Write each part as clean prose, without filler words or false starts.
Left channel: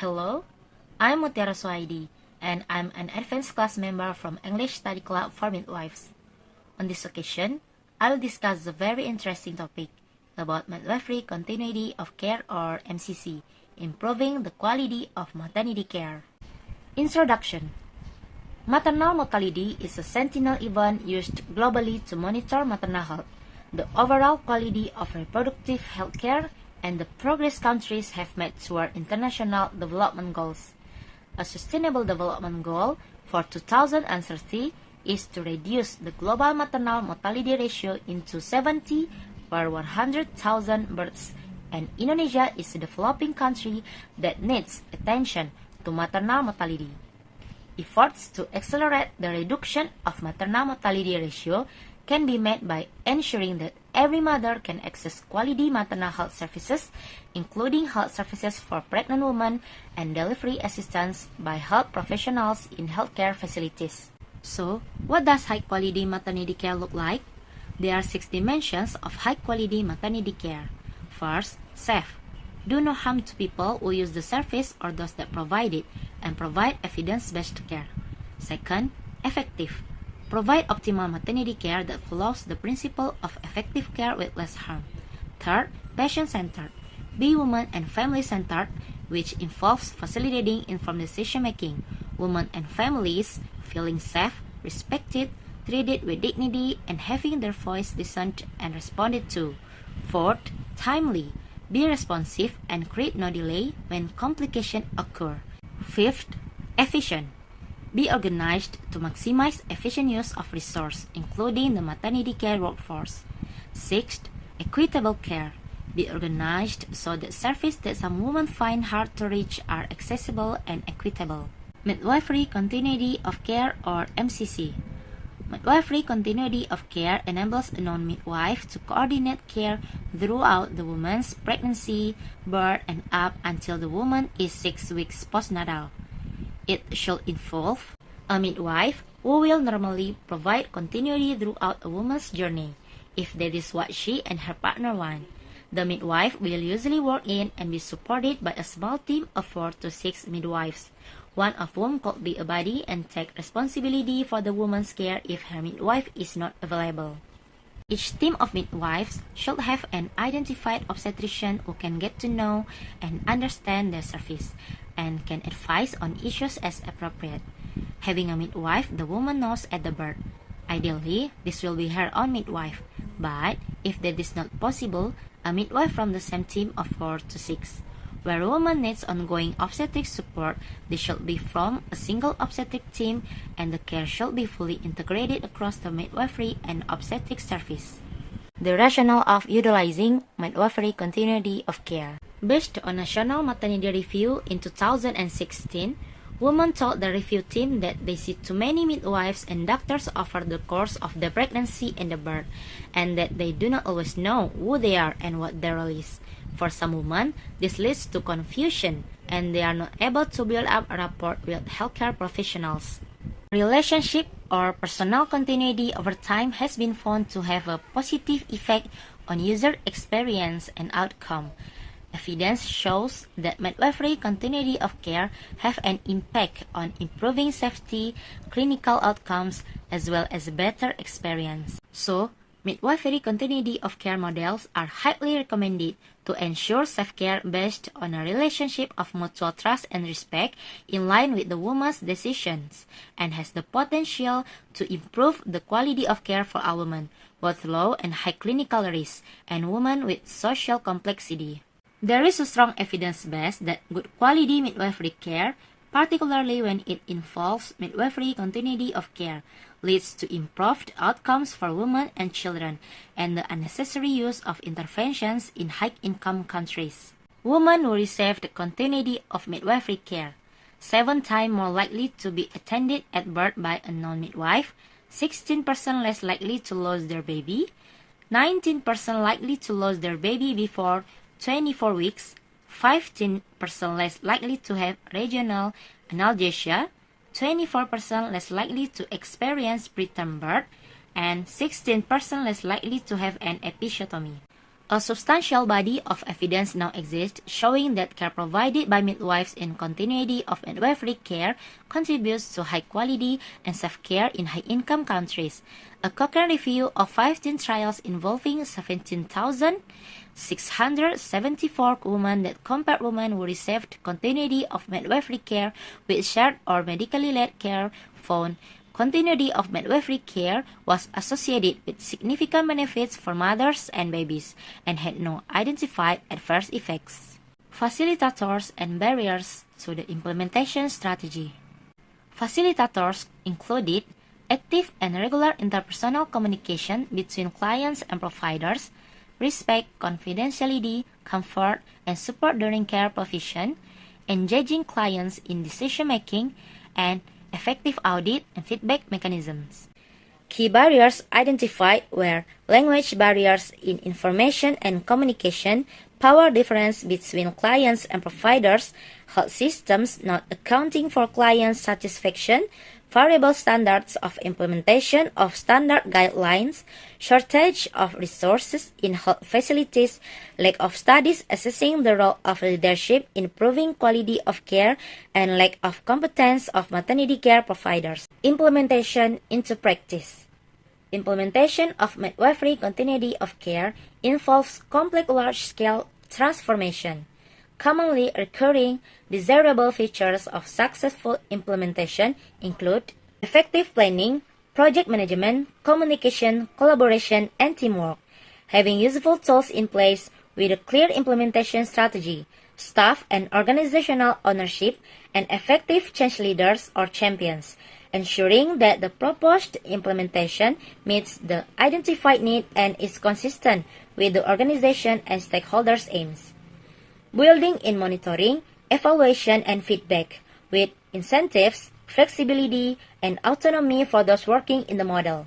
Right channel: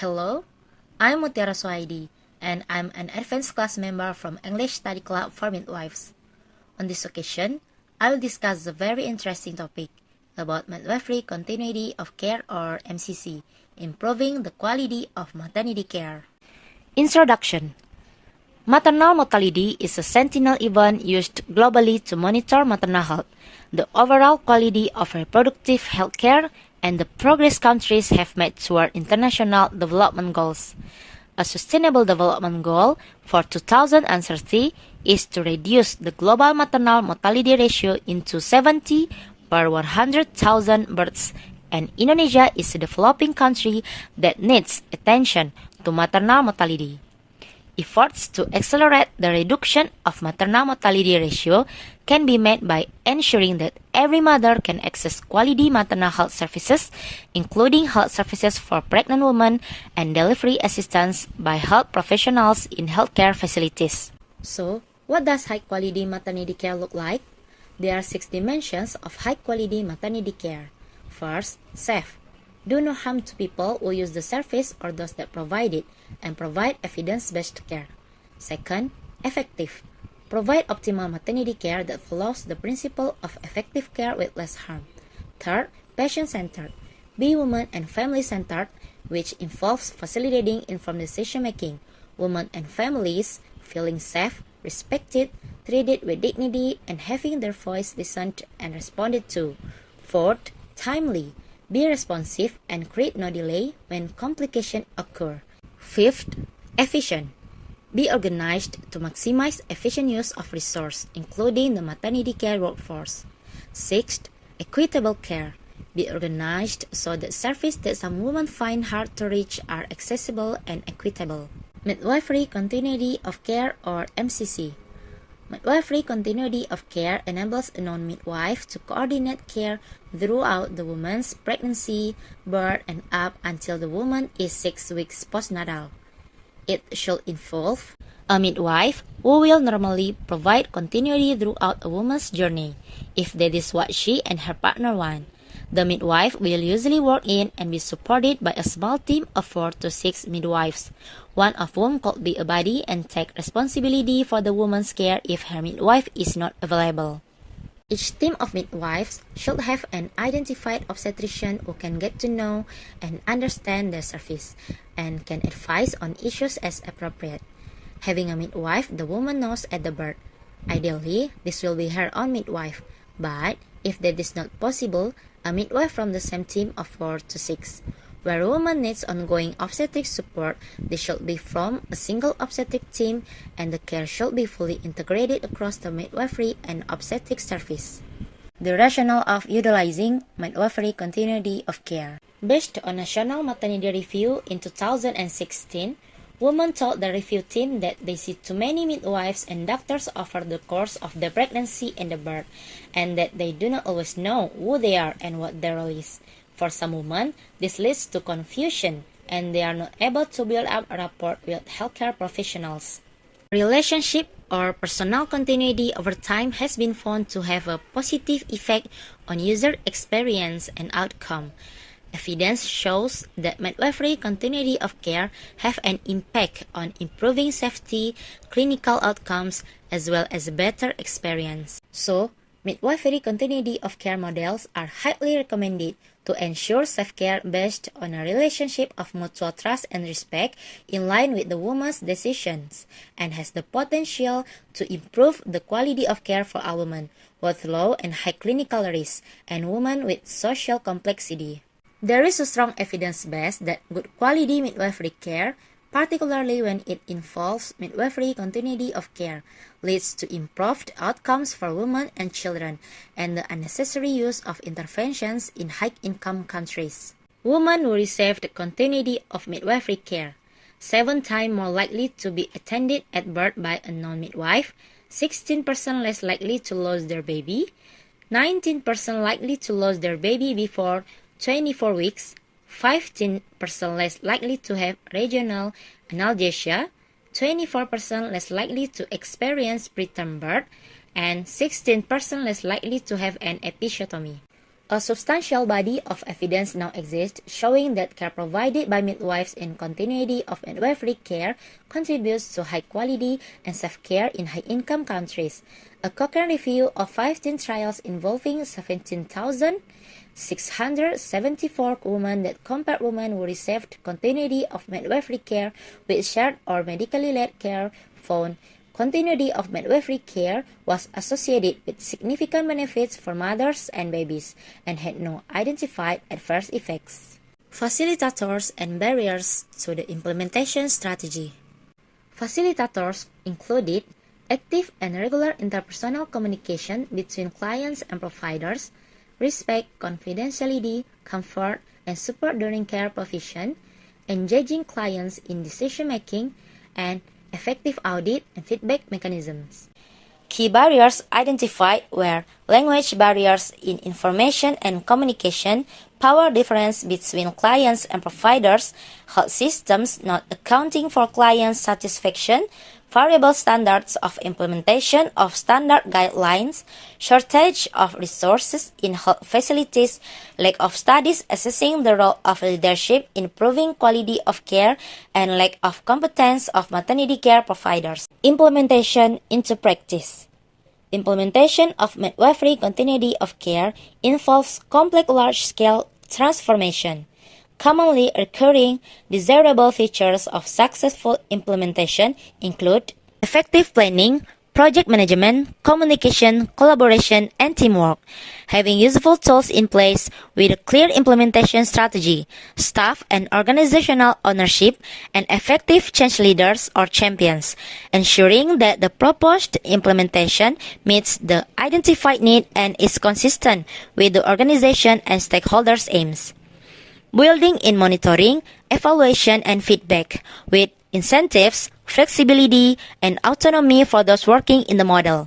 Hello, I'm Mutiara Soaidi, and I'm an advanced class member from English Study Club for Midwives. On this occasion, I will discuss a very interesting topic about midwifery continuity of care or MCC, improving the quality of maternity care. Introduction. Maternal mortality is a sentinel event used globally to monitor maternal health, the overall quality of reproductive health care, and the progress countries have made toward international development goals. A sustainable development goal for 2030 is to reduce the global maternal mortality ratio into 70 per 100,000 births, and Indonesia is a developing country that needs attention to maternal mortality. Efforts to accelerate the reduction of maternal mortality ratio can be made by ensuring that every mother can access quality maternal health services, including health services for pregnant women and delivery assistance by health professionals in healthcare facilities. So, what does high-quality maternity care look like? There are 6 dimensions of high-quality maternity care. First, safe. Do no harm to people who use the service or those that provide it, and provide evidence-based care. Second, effective. Provide optimal maternity care that follows the principle of effective care with less harm. Third, patient-centered. Be woman and family-centered, which involves facilitating informed decision-making, women and families feeling safe, respected, treated with dignity, and having their voice listened and responded to. Fourth, timely. Be responsive and create no delay when complications occur. Fifth, efficient. Be organized to maximize efficient use of resources, including the maternity care workforce. Sixth, equitable care. Be organized so that services that some women find hard to reach are accessible and equitable. Midwifery continuity of care or MCC. Midwifery continuity of care enables a non-midwife to coordinate care throughout the woman's pregnancy, birth, and up until the woman is 6 weeks postnatal. It should involve a midwife who will normally provide continuity throughout a woman's journey, if that is what she and her partner want. The midwife will usually work in and be supported by a small team of 4 to 6 midwives, one of whom could be a buddy and take responsibility for the woman's care if her midwife is not available. Each team of midwives should have an identified obstetrician who can get to know and understand the service and can advise on issues as appropriate. Having a midwife the woman knows at the birth. Ideally, this will be her own midwife, but if that is not possible, a midwife from the same team of 4 to 6. Where a woman needs ongoing obstetric support, this should be from a single obstetric team, and the care should be fully integrated across the midwifery and obstetric service. The rationale of utilizing midwifery continuity of care. Based on National Maternity Review in 2016, women told the review team that they see too many midwives and doctors over the course of the pregnancy and the birth, and that they do not always know who they are and what their role is. For some women, this leads to confusion, and they are not able to build up a rapport with healthcare professionals. Relationship or personal continuity over time has been found to have a positive effect on user experience and outcome. Evidence shows that midwifery continuity of care have an impact on improving safety, clinical outcomes, as well as a better experience. So, midwifery continuity of care models are highly recommended to ensure safe care based on a relationship of mutual trust and respect in line with the woman's decisions, and has the potential to improve the quality of care for all women, both low and high clinical risk, and women with social complexity. There is a strong evidence base that good quality midwifery care, particularly when it involves midwifery continuity of care, leads to improved outcomes for women and children, and the unnecessary use of interventions in high-income countries. Women who receive the continuity of midwifery care, 7 times more likely to be attended at birth by a non-midwife, 16% less likely to lose their baby, 19% likely to lose their baby before 24 weeks, 15% less likely to have regional analgesia, 24% less likely to experience preterm birth, and 16% less likely to have an episiotomy. A substantial body of evidence now exists showing that care provided by midwives in continuity of midwifery care contributes to high quality and safe care in high-income countries. A Cochrane review of 15 trials involving 17,674 women that compared women who received continuity of midwifery care with shared or medically led care found continuity of midwifery care was associated with significant benefits for mothers and babies and had no identified adverse effects. Facilitators and barriers to the implementation strategy. Facilitators included active and regular interpersonal communication between clients and providers, respect, confidentiality, comfort, and support during care provision, engaging clients in decision-making, and effective audit and feedback mechanisms. Key barriers identified were language barriers in information and communication, power difference between clients and providers, health systems not accounting for client satisfaction, variable standards of implementation of standard guidelines, shortage of resources in health facilities, lack of studies assessing the role of leadership in improving quality of care, and lack of competence of maternity care providers. Implementation into practice. Implementation of midwifery continuity of care involves complex large-scale transformation. Commonly occurring desirable features of successful implementation include effective planning, project management, communication, collaboration, and teamwork. Having useful tools in place with a clear implementation strategy, staff and organizational ownership, and effective change leaders or champions, ensuring that the proposed implementation meets the identified need and is consistent with the organization and stakeholders' aims. Building in monitoring, evaluation, and feedback with incentives, flexibility, and autonomy for those working in the model.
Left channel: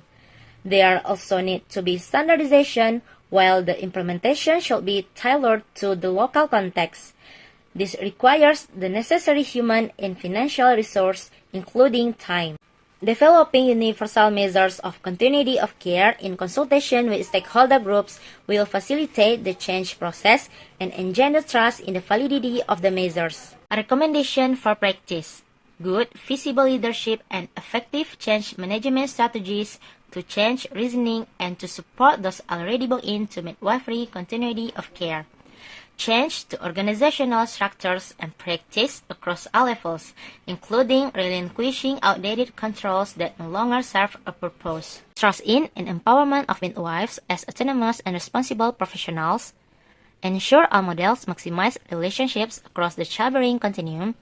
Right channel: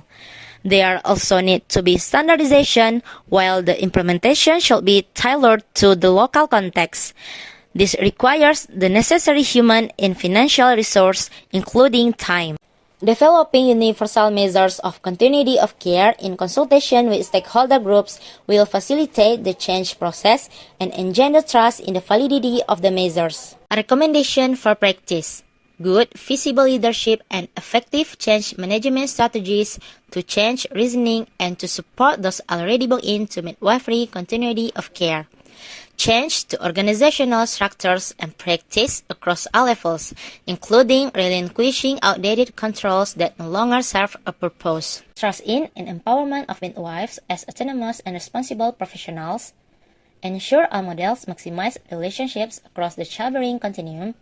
There also need to be standardization, while the implementation should be tailored to the local context. This requires the necessary human and financial resource, including time. Developing universal measures of continuity of care in consultation with stakeholder groups will facilitate the change process and engender trust in the validity of the measures. A recommendation for practice. Good, visible leadership and effective change management strategies to change reasoning and to support those already built into midwifery continuity of care. Change to organizational structures and practice across all levels, including relinquishing outdated controls that no longer serve a purpose. Trust in and empowerment of midwives as autonomous and responsible professionals. Ensure all models maximize relationships across the childbearing continuum.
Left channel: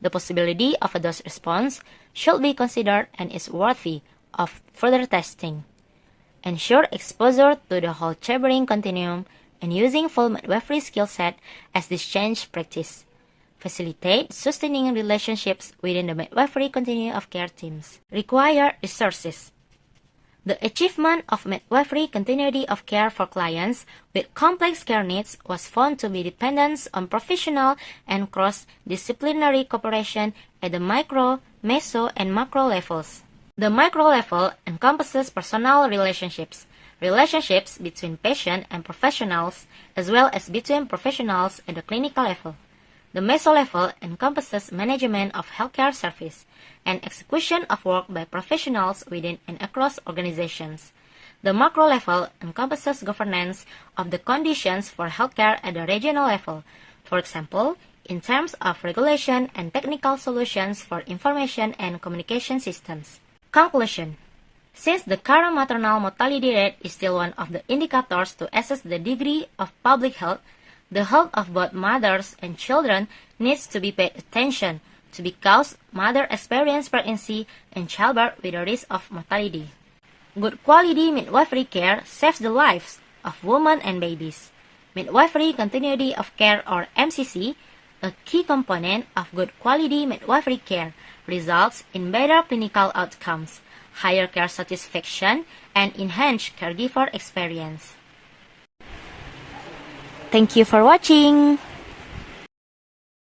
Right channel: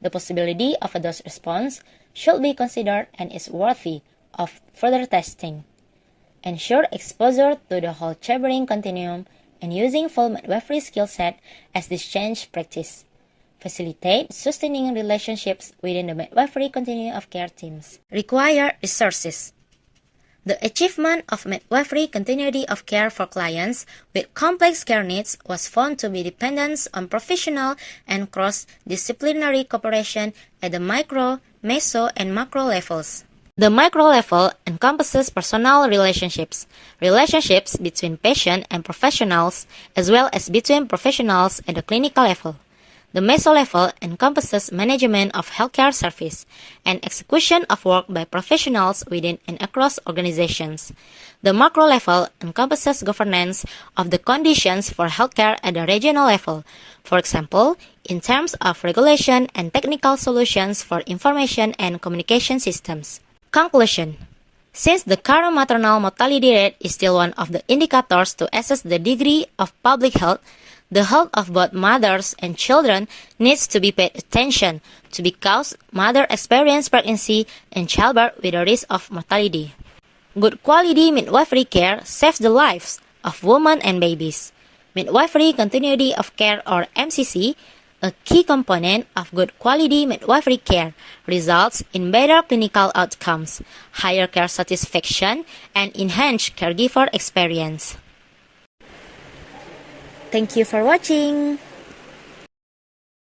The possibility of a dose response should be considered and is worthy of further testing. Ensure exposure to the whole childbearing continuum and using full midwifery skill set as this change practice. Facilitate sustaining relationships within the midwifery continuum of care teams. Require resources. The achievement of midwifery continuity of care for clients with complex care needs was found to be dependent on professional and cross-disciplinary cooperation at the micro, meso, and macro levels. The micro level encompasses personal relationships, relationships between patient and professionals, as well as between professionals at the clinical level. The meso level encompasses management of healthcare service and execution of work by professionals within and across organizations. The macro level encompasses governance of the conditions for healthcare at the regional level, for example, in terms of regulation and technical solutions for information and communication systems. Conclusion. Since the current maternal mortality rate is still one of the indicators to assess the degree of public health, the health of both mothers and children needs to be paid attention to because mothers experience pregnancy and childbirth with a risk of mortality. Good quality midwifery care saves the lives of women and babies. Midwifery continuity of care, or MCC, a key component of good quality midwifery care, results in better clinical outcomes, higher care satisfaction, and enhanced caregiver experience. Thank you for watching.